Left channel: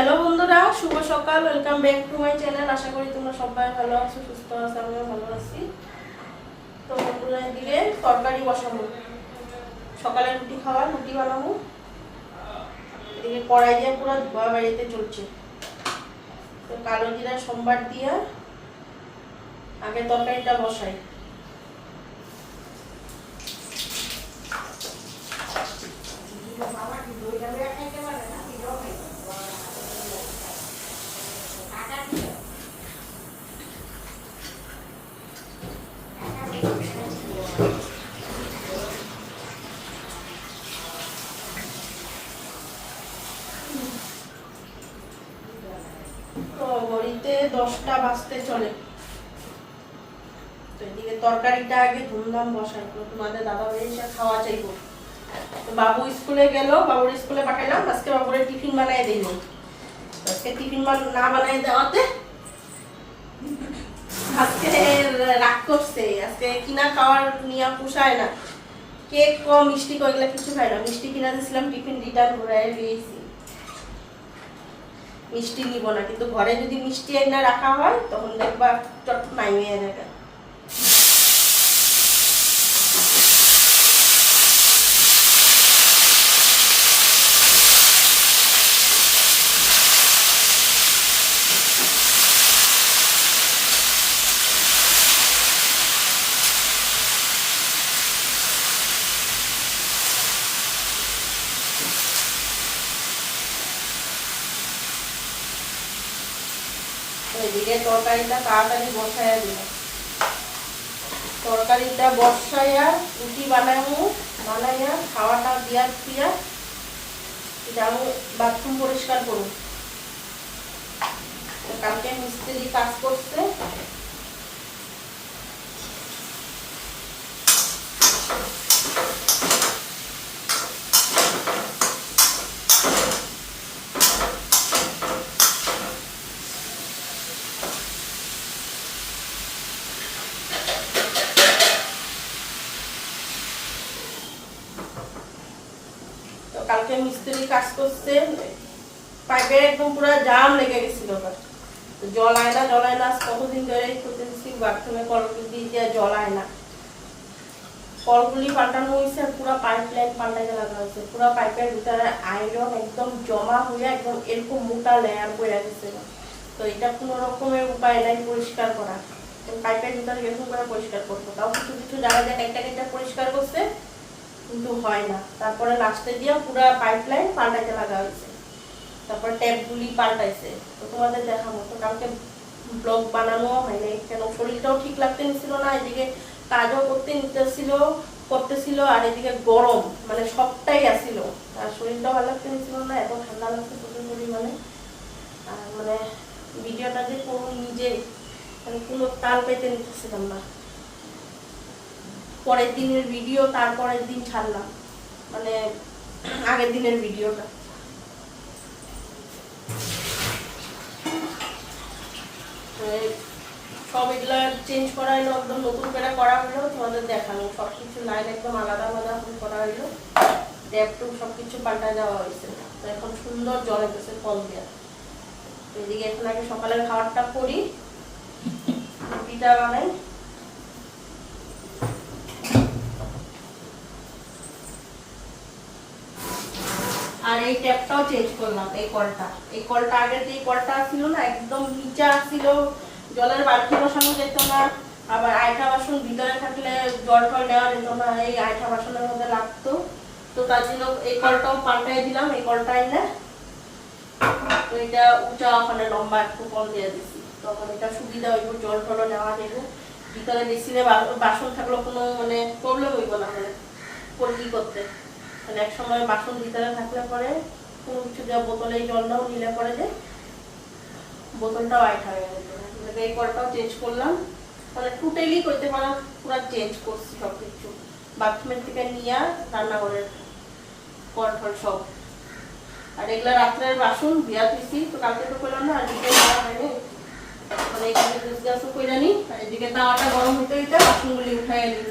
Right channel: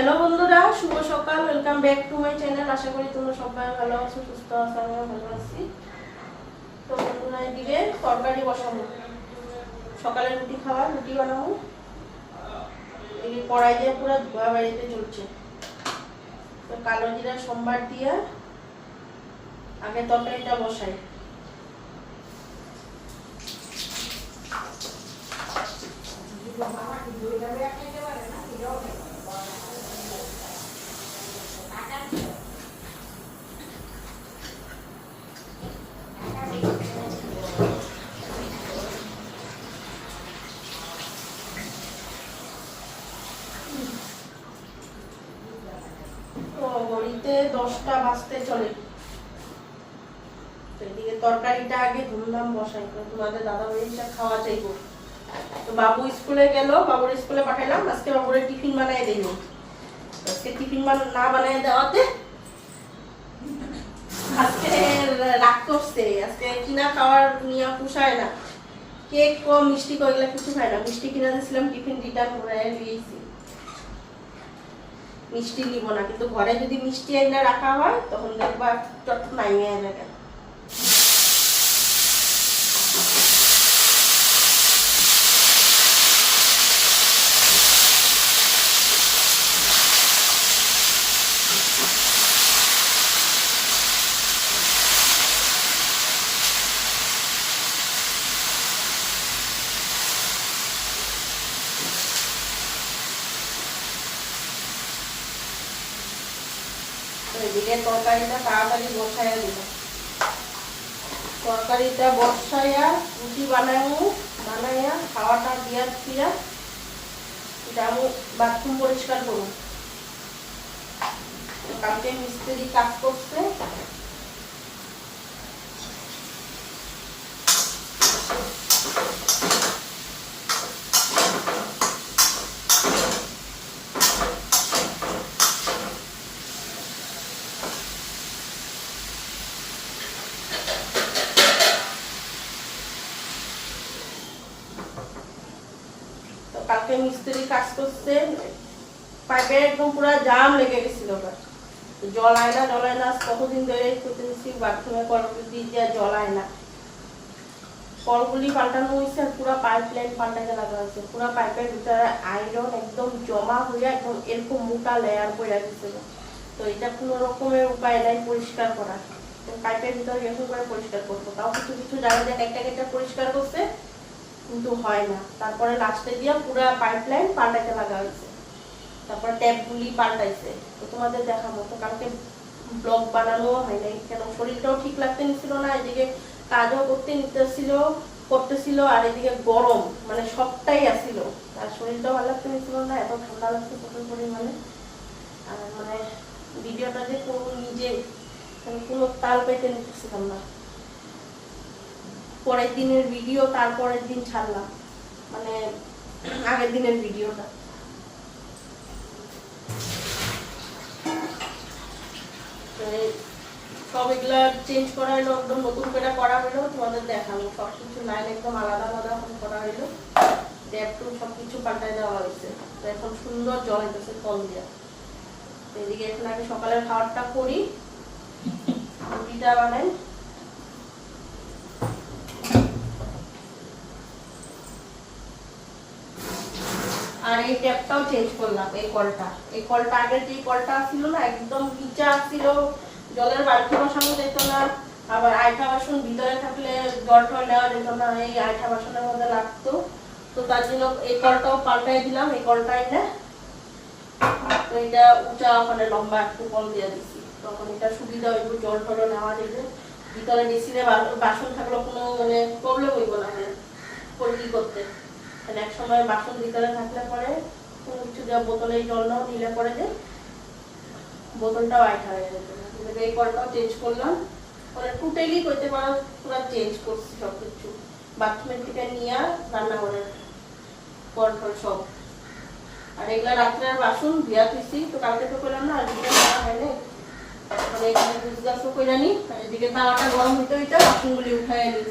Hello বন্ধুরা, শুভ সকাল। Welcome back to my channel. আশা করি তোমরা সবাই ভালো আছো, সুস্থ আছো, আমিও ভালো আছি। তো বন্ধুরা, এদিকে তরকারি বসাবো, সকালে রুটি খাওয়া, রুটি বানাবো। এদিকে কড়াই দিয়ে পুরো ধোয়া বাড়িতে চলছে। তো কালো জিরা সোমবার দিয়ে আগে তরকারিটা বসাই। তো ঘড়িতে 10টা বাজতে চলে। তো এদিকে তরকারিটা আগে ধুমধাম বসাই, তোমাদের দাদা ভাই এসে খাওয়া চাইবো। তো বাবু স্কুলে গেল, বাবুর স্কুলে পাঠালাম। আজকে বাবুরে টিফিন বানাই দিইনি। আজকে টিফিন না বানাই দেওয়াতে আজকে রাগ করছে। আজকে কিনা খাওয়ার নিয়ে পুষায় না, কেক ও মিষ্টি এগুলো কিছু খায় না। মিষ্টি কিনা দিয়েছিলাম, টিফিন রিটার্ন করে দিয়েছি। মিষ্টি নিব না, কিন্তু ঘরে যদি মিষ্টি এনে রাখা হয় তখন দেখবা চট নাইমে যাবে। এদিকে তরকারিটা তাড়াতাড়ি বসাইয়া দিলাম। তরকারিটা বসাইয়া রুটি বানাইয়া খাওয়াটা দিয়া যাবো বাথরুম পরিষ্কার করবো। কালকে মিস্ত্রি কাজ করছে। কালকে মিস্ত্রি কাজ করছে, পাইপে একদম পুরো জাম লেগে গেছিল। জল আয় না কতদিন ধরে করতেছি, বাথরুমে কলগুলি দিয়ে জল আয় না। কলগুলি পাল্টানো হয়েছে, পুরো পাইপ লাইন পাল্টাতে লাগা হয়েছে। পুরো পাইপের ভিতরে আয়রন একদম জমা হয়ে একদম এরকম মোটা লেয়ার পড়ে গেছে। তো এটা কোনো রকমের উপায় নাই পরিষ্কার করা। পাইপের ভিতরে এরকম করে পরিষ্কার করবো, তাও কিছু কিছু জায়গায় একটা পরিষ্কার করছে, কিন্তু হয় না। তারপরে লাস্টে দিয়ে পুরো পাইপ লাইন পাল্টাইতে লাগা হয়েছে। তারপর ট্যাপগুলি পাল্টাইছে। তো তোমাদের দেখাবো। তো কালকে ব্লগ বানানো হয় নাই, কেন শরীরটাও ঠিক লাগতে নিছিল না। এদিকে কাজও করতেছিল, আর এদিকে গরম, মানে সবটাই আসছিল। আর শরীরটাও ভালো লাগতে নিছিল না, এত ঠান্ডা লাগছে প্রচুর পরিমাণে। আর মানে ভিডিওটা যে করবো নিজে, কোনো তাল পেতে নিতেছিলাম না। পরের দিনের ভিডিও তারপরের দিন ছাড়লাম, মানে আগের দিনের ভিডিওটা। সব এগুলা চেঞ্জ করা হলো, একদম নতুন করে করা হলো। তোমাদের দেখাবো সবকিছু লাইন একদম আলাদা আলাদা করা হলো। ট্যাপ টুপ সবকিছু পাল্টায় দেওয়া হয়েছে। তো এখন সুন্দর জল হইতেছে কল দিয়া। এদিকে এখন আগে সকালের খাবারটা করি, রুটিটা বানাই। আর এই ট্যাপটাও চেঞ্জ করলাম। এই কলটা আগের যে কলটা ছিল না, একদম নিচা ছিল, জলের বালতি বসানো যেত না। আবার আয়ঠা বাসন ভিতরে থাকলে জল টল নেওয়া যেত না, এই আয়ঠা বাসনের মধ্যে লাগতো। তো তার জন্য এই কলটাও পাল্টাই দিলাম। এই কলটাই না, তো এটা উঁচা ওখানে লম্বা একটু কল দিয়ে দিচ্ছি, তখন এটা সুবিধা হইব, জল টলও নেওয়া যাইব। ভিতরে মেশিনে বাসন থাকলেও কোনো মানে প্রবলেম হইব না, মানে পরিধি করতে। মানে এক সময় বাসন ভিতরে থাকলে পরে কোনো কিছু দেওয়া বোতলে জল নাও নিলে পরে যে বোতলটাও আয়ঠা হয়ে যেত না। এই কলটাও চেঞ্জ করলাম, মানে টোটালি করতে পারা পুরো চেঞ্জ করছি সবকিছু। বাথরুমের থেকে নিয়ে রান্নাঘরের কল টল সব। আর এগুলা রাত্রের বাসন দিয়া দিছি। তো কালকে তো করলাম না, আজকে করা হয়নি। মানে এখানে গাছও করে নি, আর এদিকে তাওয়াটা গরম হইতে হইতে বাসনগুলি উঠাই নি।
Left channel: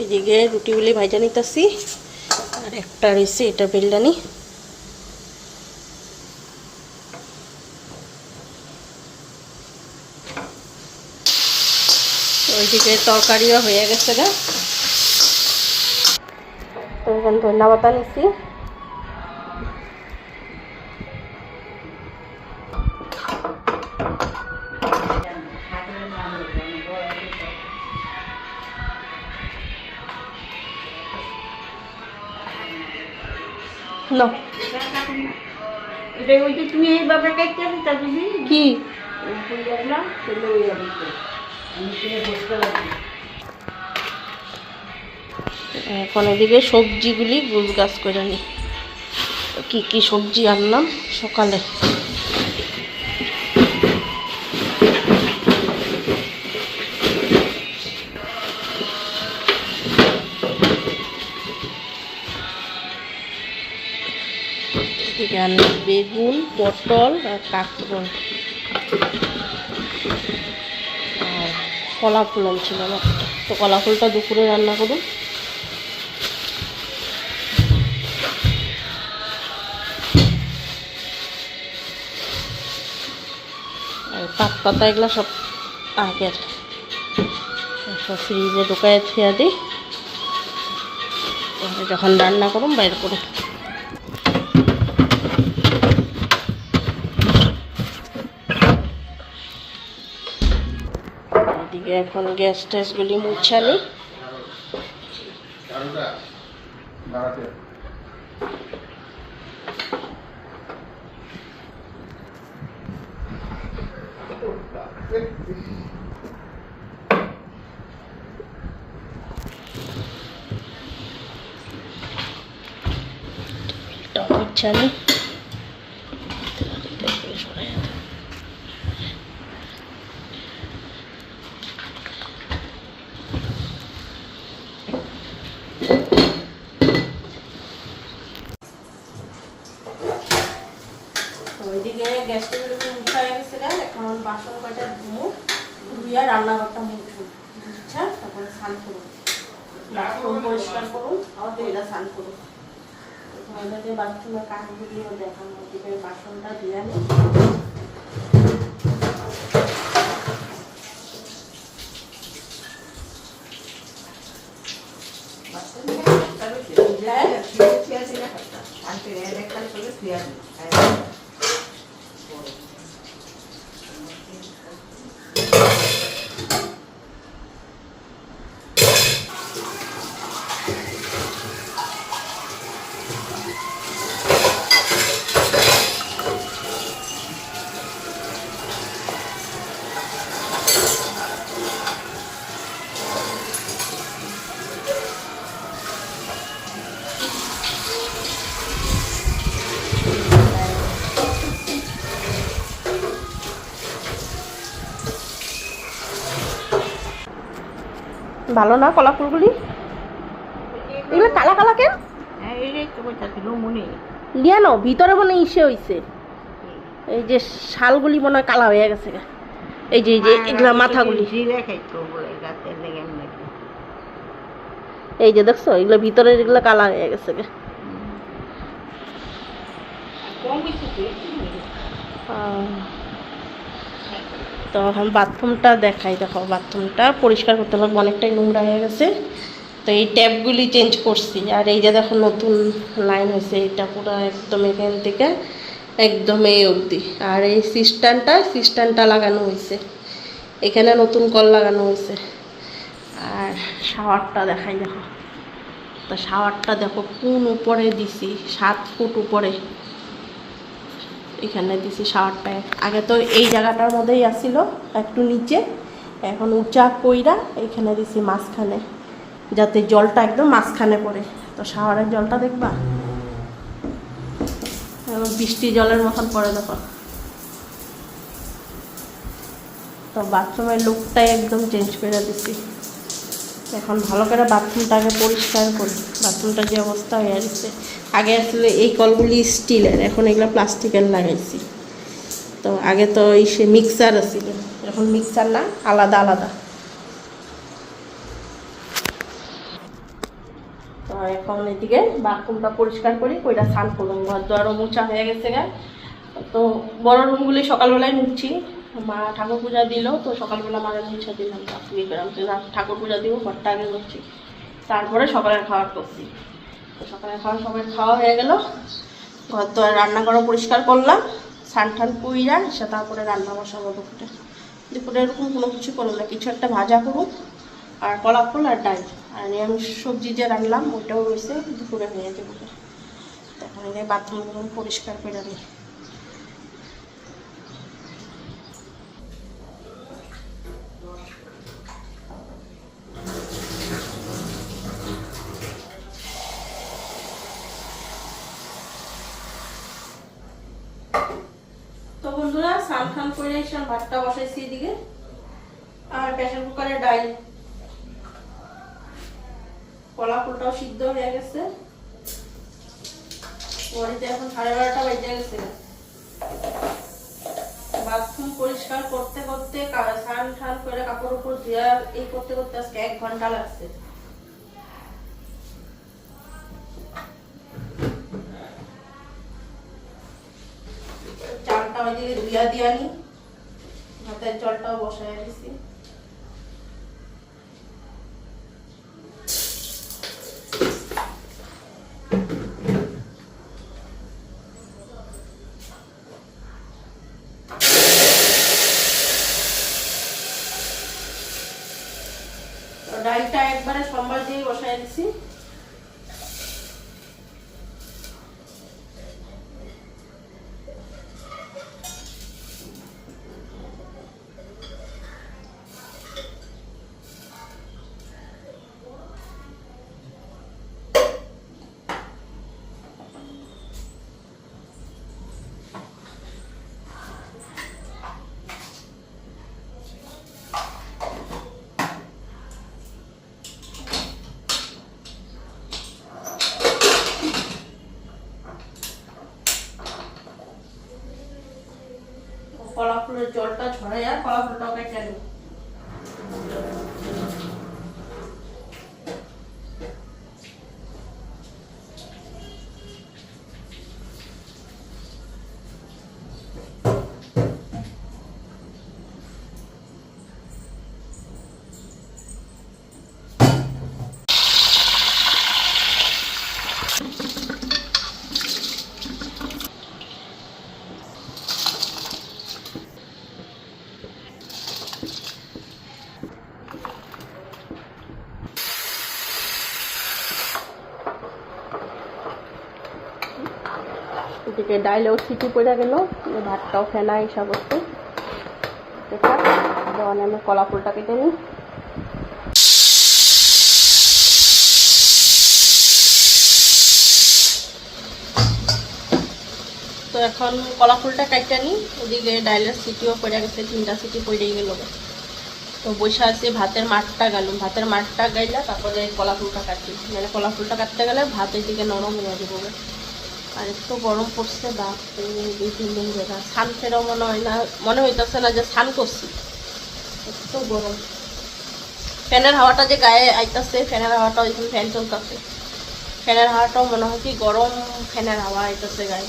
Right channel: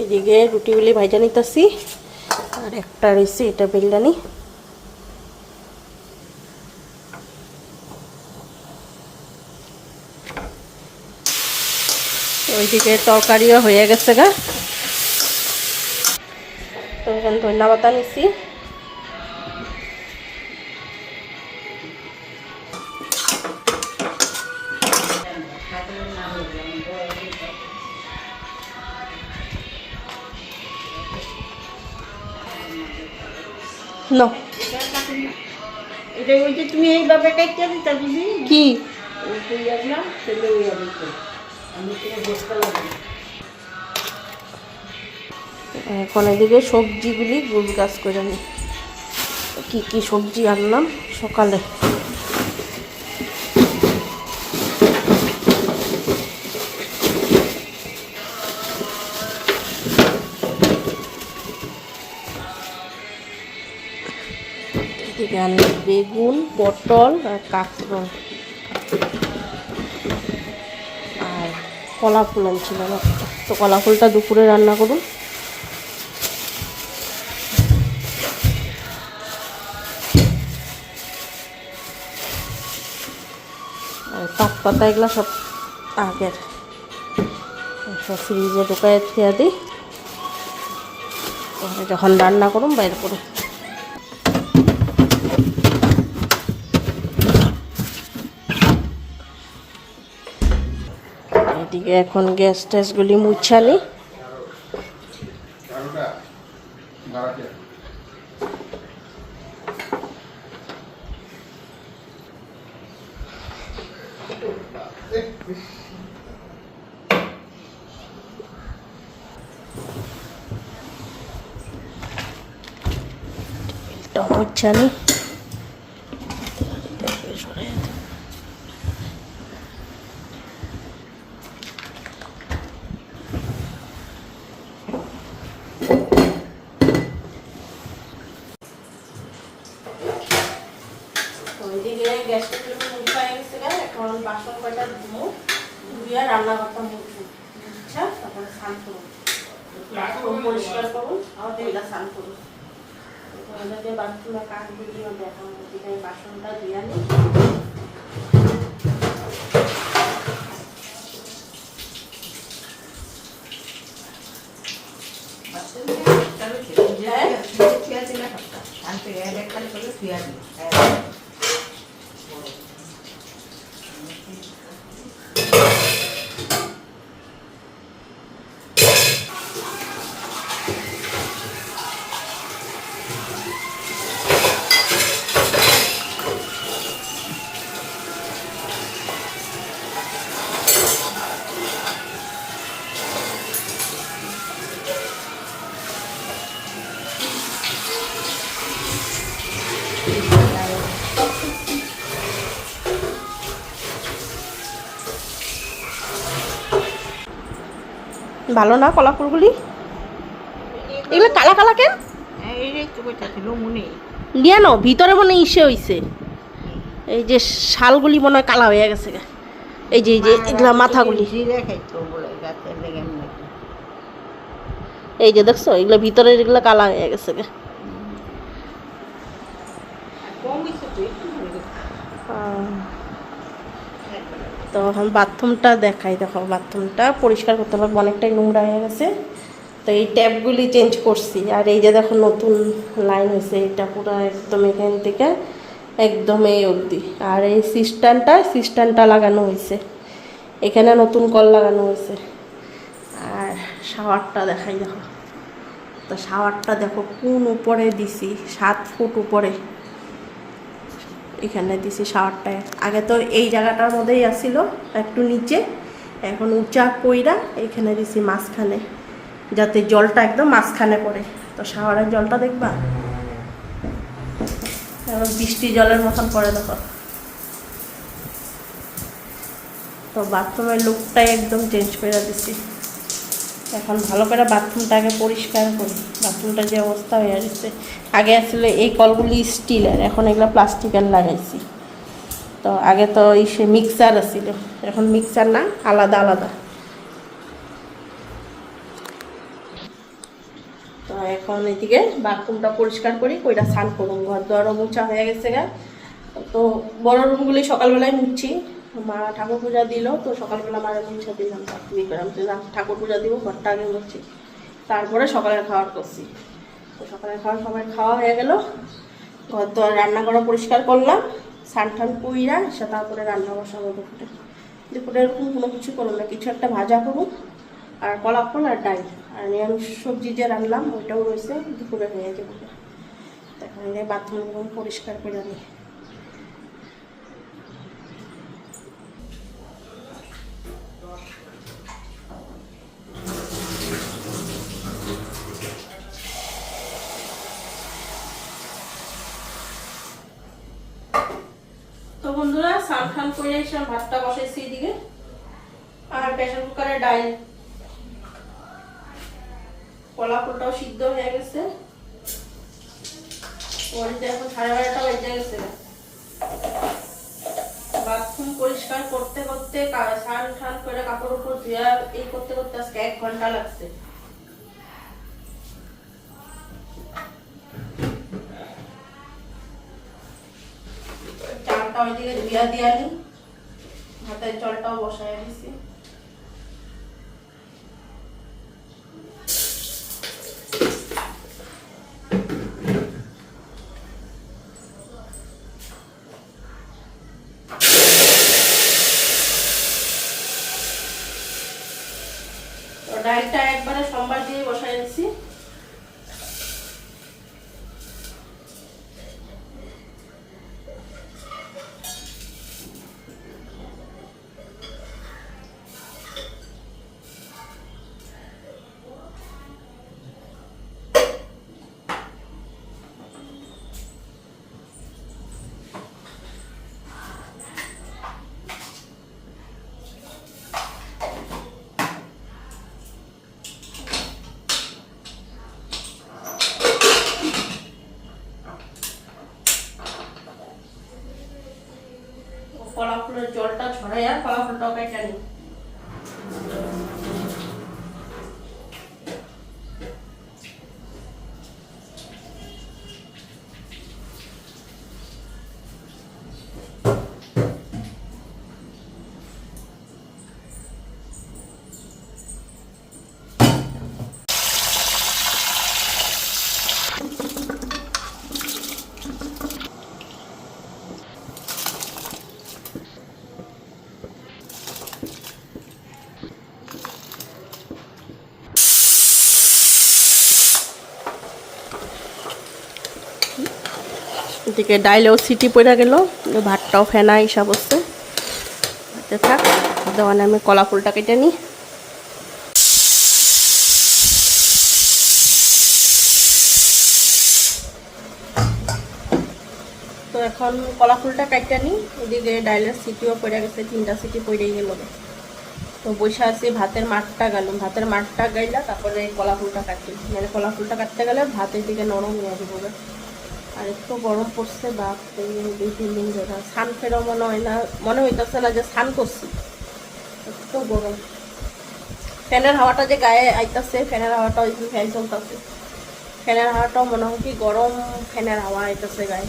এইদিকে রুটিগুলি ভাজা নিতেছি, আর একটা রয়েছে এটা বেলদানি। ওইদিকে তরকারিও হয়ে গেছে গা। তো এখানে ধনিয়া পাতা নিচ্ছি, তুমি এইভাবে কাটতে দিতা বুঝি কি এখন এদিকে সবজিগুলি গুছ গাছ করে নি। কি কি সবজি আনলাম সকালে, এদিকে আনলাম বেগুন, পটল আর কাঁকরোল, আর কলা ফুল আনছিলাম একটা। তো কলা ফুলটা দুপুরে রান্না করুন। আর পাত পাতা এগুলো সব আগের, সব ফ্রিজে ঢুকায় খেয়ে দিই, যখন রান্না করুন বাইর করুন। এদিকে এখন গ্যাস ট্যাসগুলি মুছানি। মুছানি ওইদিকে গ্যাসটা মুছাই গেছে, এখন বাসন কয়টা ধুমো, ধুইয়া রান্নাঘরটা মুছবো, আচ্ছা তারপরে স্নান করবো, বাথরুম পরিষ্কার করুন আর দুইটা স্নান করুন। ওদেরকে বাথরুমের কাজগুলিও দেখানো, ওদিকে বাসনটা ধুইয়া নিই। ভালো না কলা ফুলগুলি, এগুলো কালা কালা কেন দিয়া ন ভিতরে মনে ইসে হইছে, এই যে শালগুলি মনে হয় কালা হয়ে গেছে, এই যে এগুলা মাথাগুলি, এই যে দেখছো এগুলো ভিতরে যেগুলো কালা হয়ে গেছে। তো এখন বাথরুমটা দেখাই, দেখো বাথরুমটা পরিষ্কার করতে লাগবে, অনেকটাই নোংরা হয়ে গেছে। তো এই ট্যাপগুলি চেঞ্জ করছি, আর এই যে দেখো নতুন লাইন হয়েছে, এটা পুরো একদম এখান থেকে একদম এই অবধি। আর এই সিস্টেমটা লাগানো হয়েছে, এখানে নতুন কল লাগানো হয়েছে। আর শাওয়ারটা দেখাই, দেখো তো শাওয়ারটা দেখো কোন উপরে দিছি, 7 ফুট উপরে এখানে দিছি শাওয়ারটা। আগে তো এই জায়গাটার মধ্যেই আসছিল একটু নিচে, এখন উঁচা কইরা এখানে দিছি মাঝখানে, যাতে জলটা একদম মাঝখানে পড়ে। তো শাওয়ারের জলটা দেখবা এখন বৃষ্টি জলের মতন পড়ে, দেখো। তো বাথরুমের লুকটাই একদম চেঞ্জ করে দিছি। এখন ভালো করে বাথরুমটাকে পরিষ্কার করি, বাথরুমটা যে অবস্থা হয়ে গেছে। আগে আসলে এই কলগুলি স্টিলের, এখন এগুলো প্লাস্টিকের লাগাইছি। তো আগে তো এই সে মিক্সার আছিল, এখন মিক্সার না, আলাদা আলাদা। তো এখন এদিকে বাথরুমটা পরিষ্কার করি, কইরা স্নান করুন। ঘর দুয়ারও মোছা হয়ে গেছে গা। তো বড় রুমগুলি সকালবেলায় মুছছি, মা ঠাকুর পূজা দিল, তো সকালবেলা মারে মুছে দিলাম। ইয়ে করলাম যে না, ঠাকুর পূজা দিব, ঘরটা আগে মুছছি, তারপরে সকালের খাবার করছি। তো সকালের খাবার সবাই খাওয়া হয়ে গেল, ঘর দুয়ার রান্না করা পরিষ্কার করলাম, স্নান টান কইরা এসে তারপরে রান্না বসাবো। দুপুরে দুপুরে এরকম কোনো কিছু করলাম না, কিছু একটা ভাজা করুন আর কলা ফল আর ডাল আর নিরামিষ সবজি যে রান্নাম ওইটাও রয়েছে, দুপুরে হয়ে যাবে। এখন বাথরুমগুলো পরিষ্কার করে নিই। তো বন্ধুরা স্নান টান করে এসে ভাতটা বসাইছি এদিকে, আর প্রেসার কুকারে ডাল, কলা ফুলটাও সিদ্ধ হয়ে গেছে। ওইটা এখন 12:30 বেজে গেছে। বাথরুম পরিষ্কার করতে করতে স্নান টান করে কাপড় উপর ধুয়া এই করতে করতে আজকে 1 ঘন্টা লাগছে। চালটা ওইদিকে ধুয়া দিয়া নি, ভাতের জলটাও বসায় দিছি। ডালটা একবারে সোমবার দিয়ে বসায় দিছি। কলা ফুলের জলটা ঝরাইয়া কলা ফুলটাও কেটে নিই। এদিকে ডাইলেও সিটি পড়ে গেল, ভাতটাও ফেনা হিসাব হচ্ছে। থাক, দেওয়ানে আমি কলা ফুলটা কেটে নিই। তো এখন কলা ফুলটা কেটে নিই, ওদিকে ডাইলের সিটিও পড়ে গেছে, 3টা সিটি পড়েই গেল। তো বসে আছে ভাতের মাঠটা গেলাম, ভাতের মাঠটা গাইলা তারপরে কলা ফুলটা কাটি, মানে কলা ফুলটা কাটতে গেলে ভাতের দিকে নরম হয়ে যাবে। আর একটু গরম পড়ছে, বাপ 2-3 দিন ধরে স্নান ফেরও মনে হইতেছে না যে স্নান করছি, একটু গরম। ফ্যানের হাওয়াটা যে গায়ে আইতাছে, ফ্যানের হাওয়াটা ওইখানে ফ্যান চলতেছে, ফ্যানের হাওয়াটাও মনে হয় কি গরম ফ্যানের হাওয়া আইতাছে গায়ে।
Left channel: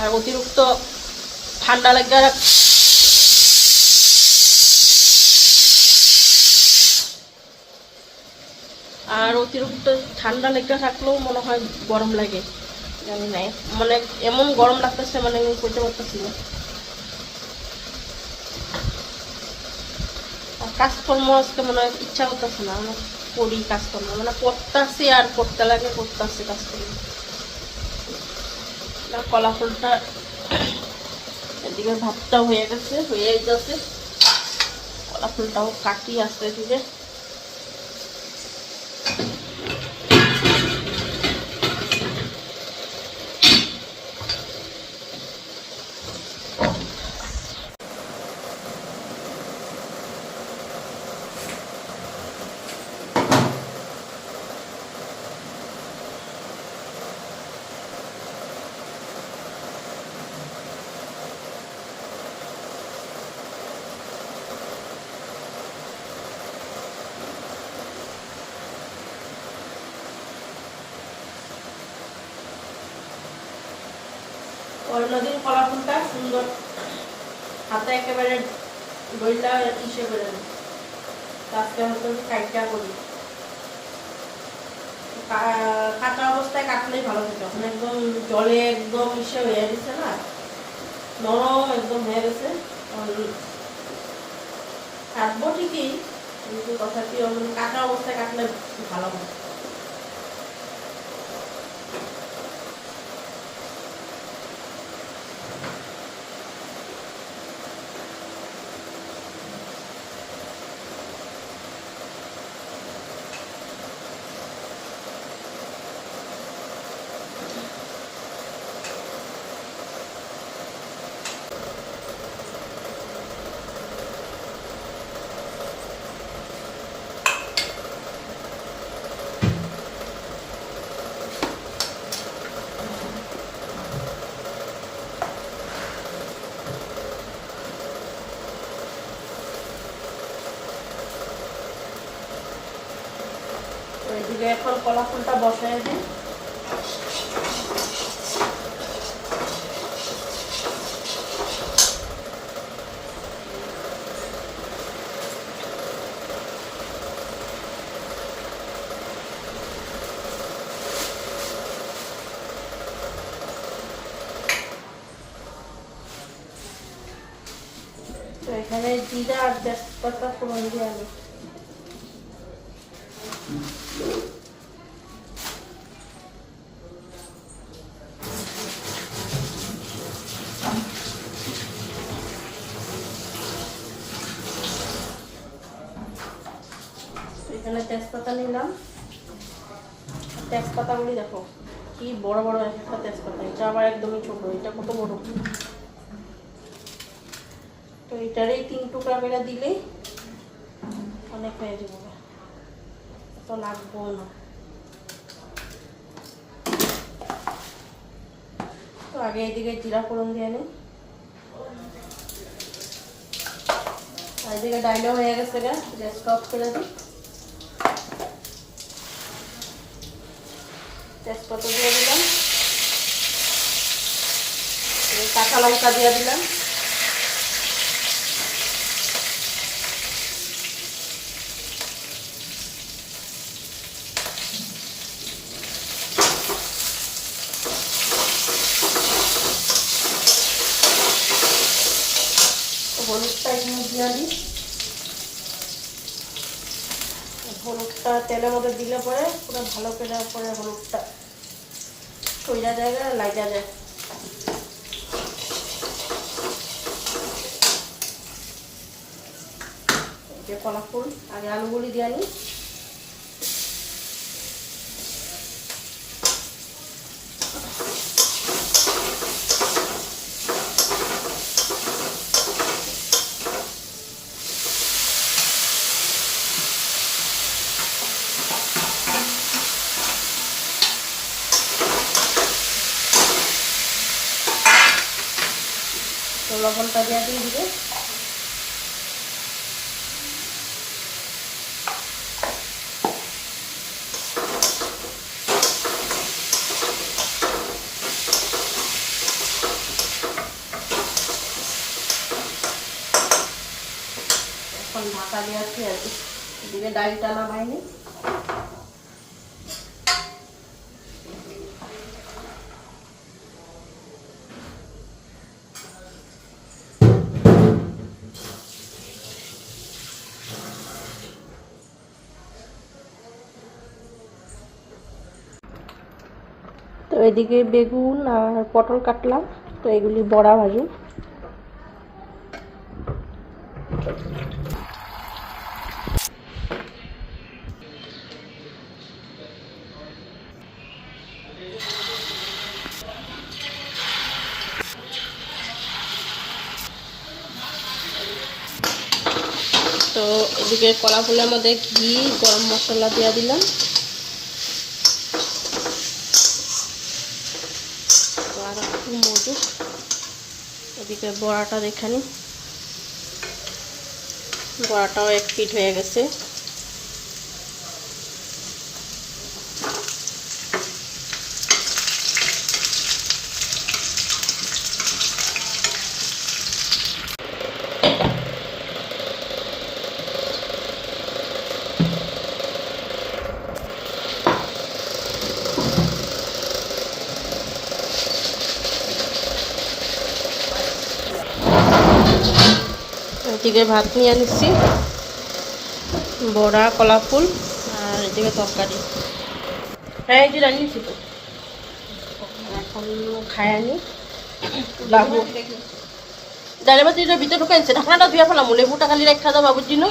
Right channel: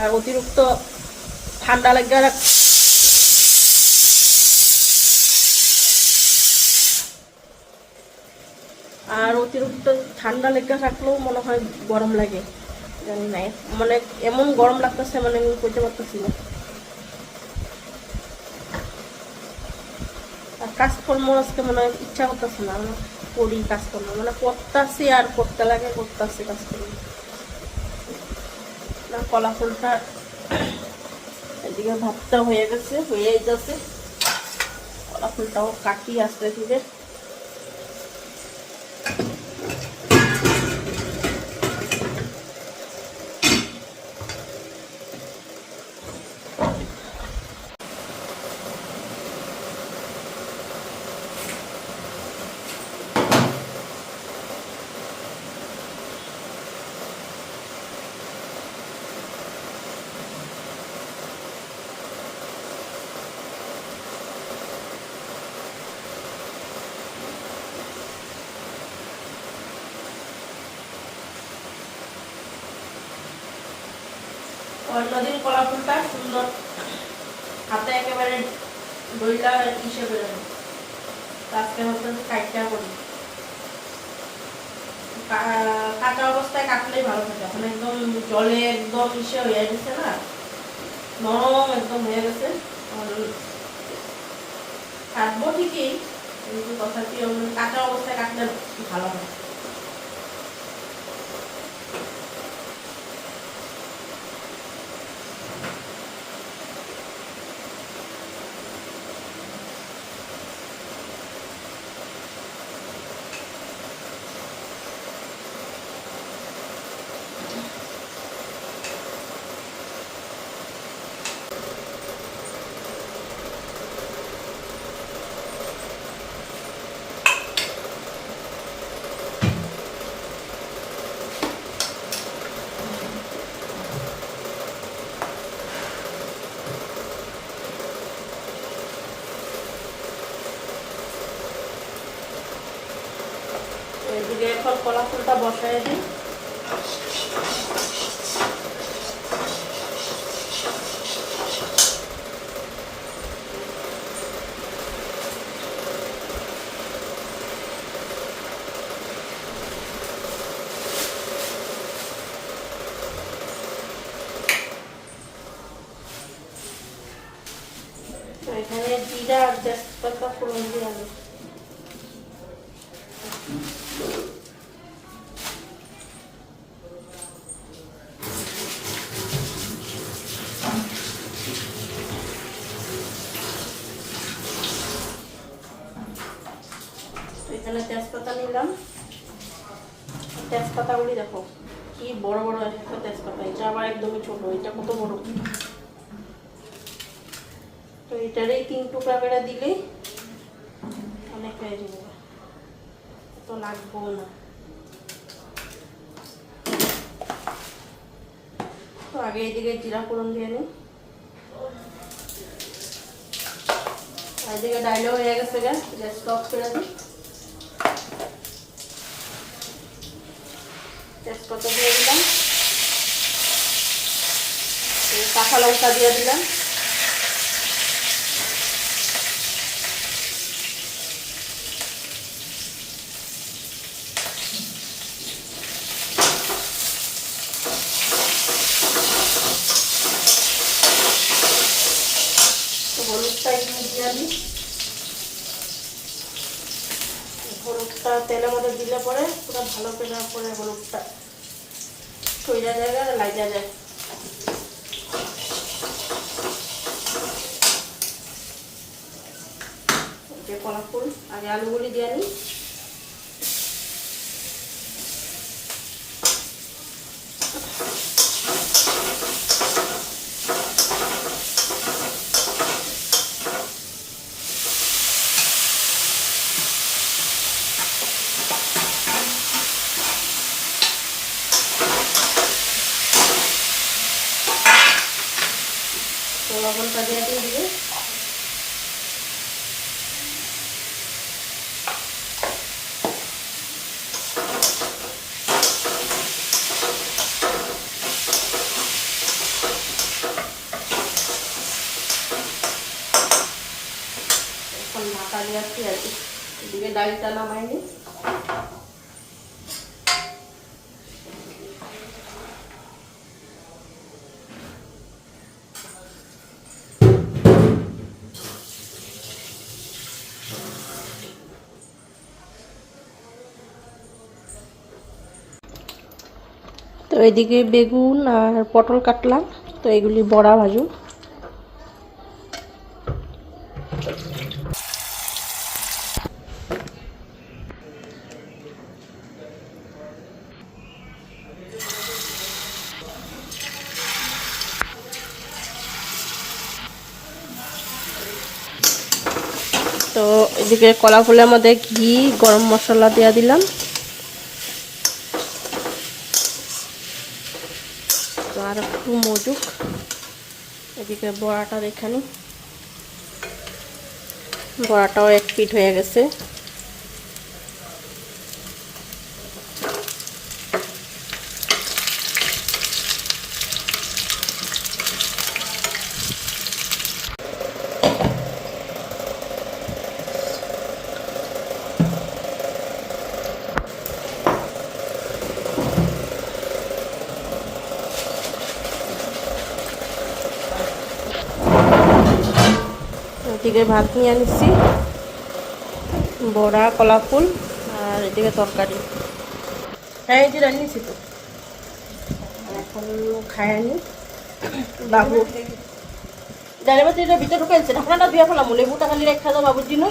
আর অতিরিক্ত ঠান্ডা লাগে, আর অতিরিক্ত ঠান্ডা লেগে থাকলেও মনে হয় গরম লাগে, জানি না, মানে এমন গরম লাগতেছে, মানে আমি কইতে পারতেছি না। আর কাজকর্ম আজকে মনে হয় ইচ্ছা করতেছে না, মানে করি কাজকর্ম, মানে করতেছি আর করতে লাগে, করতেছি কাজকর্ম। কলা ফুলটা এদিকে ভাতটাও হয়ে গেছে, হয়ে যাচ্ছে, কলা ফুলটাও কাটি আসতে ধীরে। অন্যদিন কলা ফুলটা সুন্দর হাতে একেবারে দইটা হিসেবে আজকে হচ্ছে কাইটটা করি। কাঁচা অবস্থায় কাটলেই ভালো থাকে, এখন একদম জলে একদম মিশে হয়ে গেছে না, নরম একদম হয়ে গেছে। কাটবো ঠিকই, কিন্তু তথাপি কাঁচা অবস্থায় কাটলে ভালো হয়। এদিকে এখন কলা ফুলটা বসাই দিই। তো এখানে জিরা আর তেজপাতা ফোড়ন দিয়ে আলু। এখানে তেজপাতা নিলাম, তেজপাতাগুলি দেখো কি বড় বড় একটা তেজপাতা, এটা আবার একদমই ছোট, এটা কত বড়। তো এটারে 3 টুকরা করে দিলেই অনেক হয়ে যাবে, তো লাগবো না। তো আগে এদিকে জিরা ফোড়ন দিয়ে নিই, আর এদিকে ডাইলেও হয়ে গেছে, গ্যাস অফ করে দিই। তেজপাতা দিয়ে দিলাম, কাঁচা লঙ্কা দিয়ে দিলাম, হলুদটা এখানে দিয়ে দিই। হলুদটা তেলের মধ্যে দিলে পরে পুরো ভালো করে পরে হলুদটা কইরা জায়গা লাগা যায়। কলা ফুল আগে আলুগুলি দিয়ে নিই। লবণটা দিয়ে দিবে, এখন ঢাকা দিয়ে আর কি, এদিকে ডালটা নামাই নিই। তো এদিকে বেগুন আর পটল কাটলাম, তো এগুলি বড়া ভাজুন। তো এদিকে কলা ফুলের মধ্যে ঘি গরম মশলা দিয়ে দিলাম, আর একটু মজুক। এদিকে বড়াটা দেখানি, বড়াটাও 1 পিঠ হয়ে গেছে। থেকে ভাত নিয়ে নিচ্ছি, বড়া, কলা ফুল আর এদিকে তরকারি। হ্যাঁ এই যে রান্নিছি তো, এখন খায় আনি। বাবু ডাইলে বাতি এটা ভিতরে ঢুকাইছে, ঢাকনাটা ধুয়ে ফেলাম, লেবুটা খালি রেখা দাও বাবুর জন্য।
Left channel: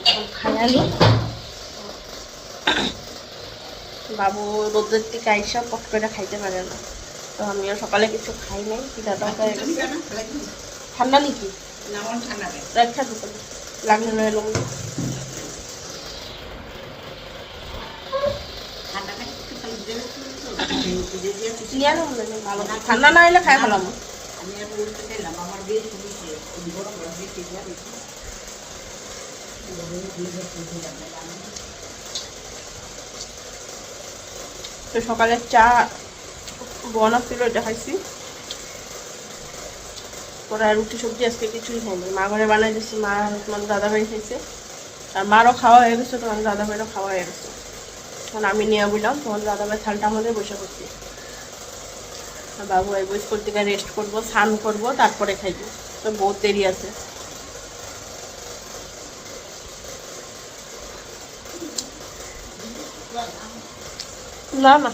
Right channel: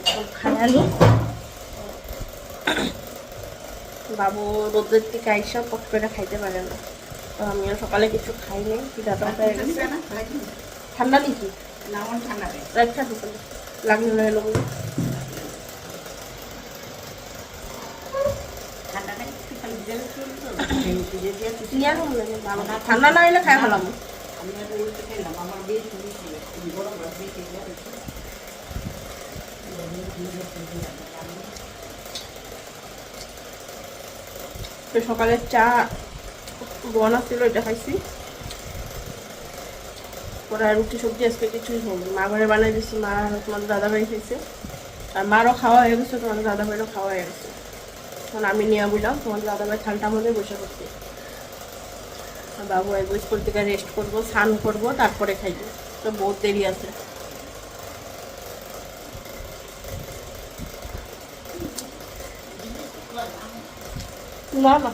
এখন খায় আনি। বাবু রোদের থেকে আইসা পট করে খাইতে পারে না, তো আমিও সকালে কিছু খাই নাই, খিদাটাও হয়ে গেছে। ঠান্ডা নাকি রেখা ঢুকালে লাগলে লয়ে এলো ঠান্ডা না এলে খাই ফেলাম। তো সকালে চা বনা ছিল, এটা খাইছি। ওরা রুটি সবজি আজকে কিছুই খাইনি, মা ঘরে বানাই দিচ্ছি, মা তোমাদের দাদা ভাই খাইছে, আর মারও খাওয়া হয়ে গেছে, তোমাদের দাদা ভাইরও খাওয়া হয়ে গেছে। তখন আমি নিয়ে বললাম তোমাদের দাদা ভাই থালটা আমাদের বসে করতে, বাবু আইব স্কুল থেকে, রেস্ট করবো, স্নান করবো, তারপরে খাইবো, তো বহুত দেরি আছে। না না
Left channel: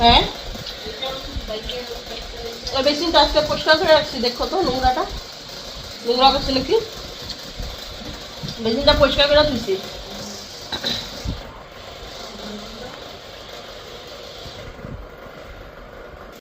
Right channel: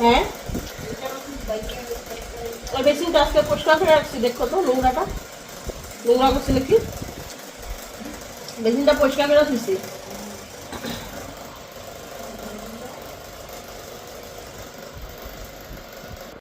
হ্যাঁ ওই বেসিনটা আজকে পরিষ্কার করে রাখছি, দেখো তো নোংরা করছে নাকি, বেসিনটা পরিষ্কার করে দিচ্ছি।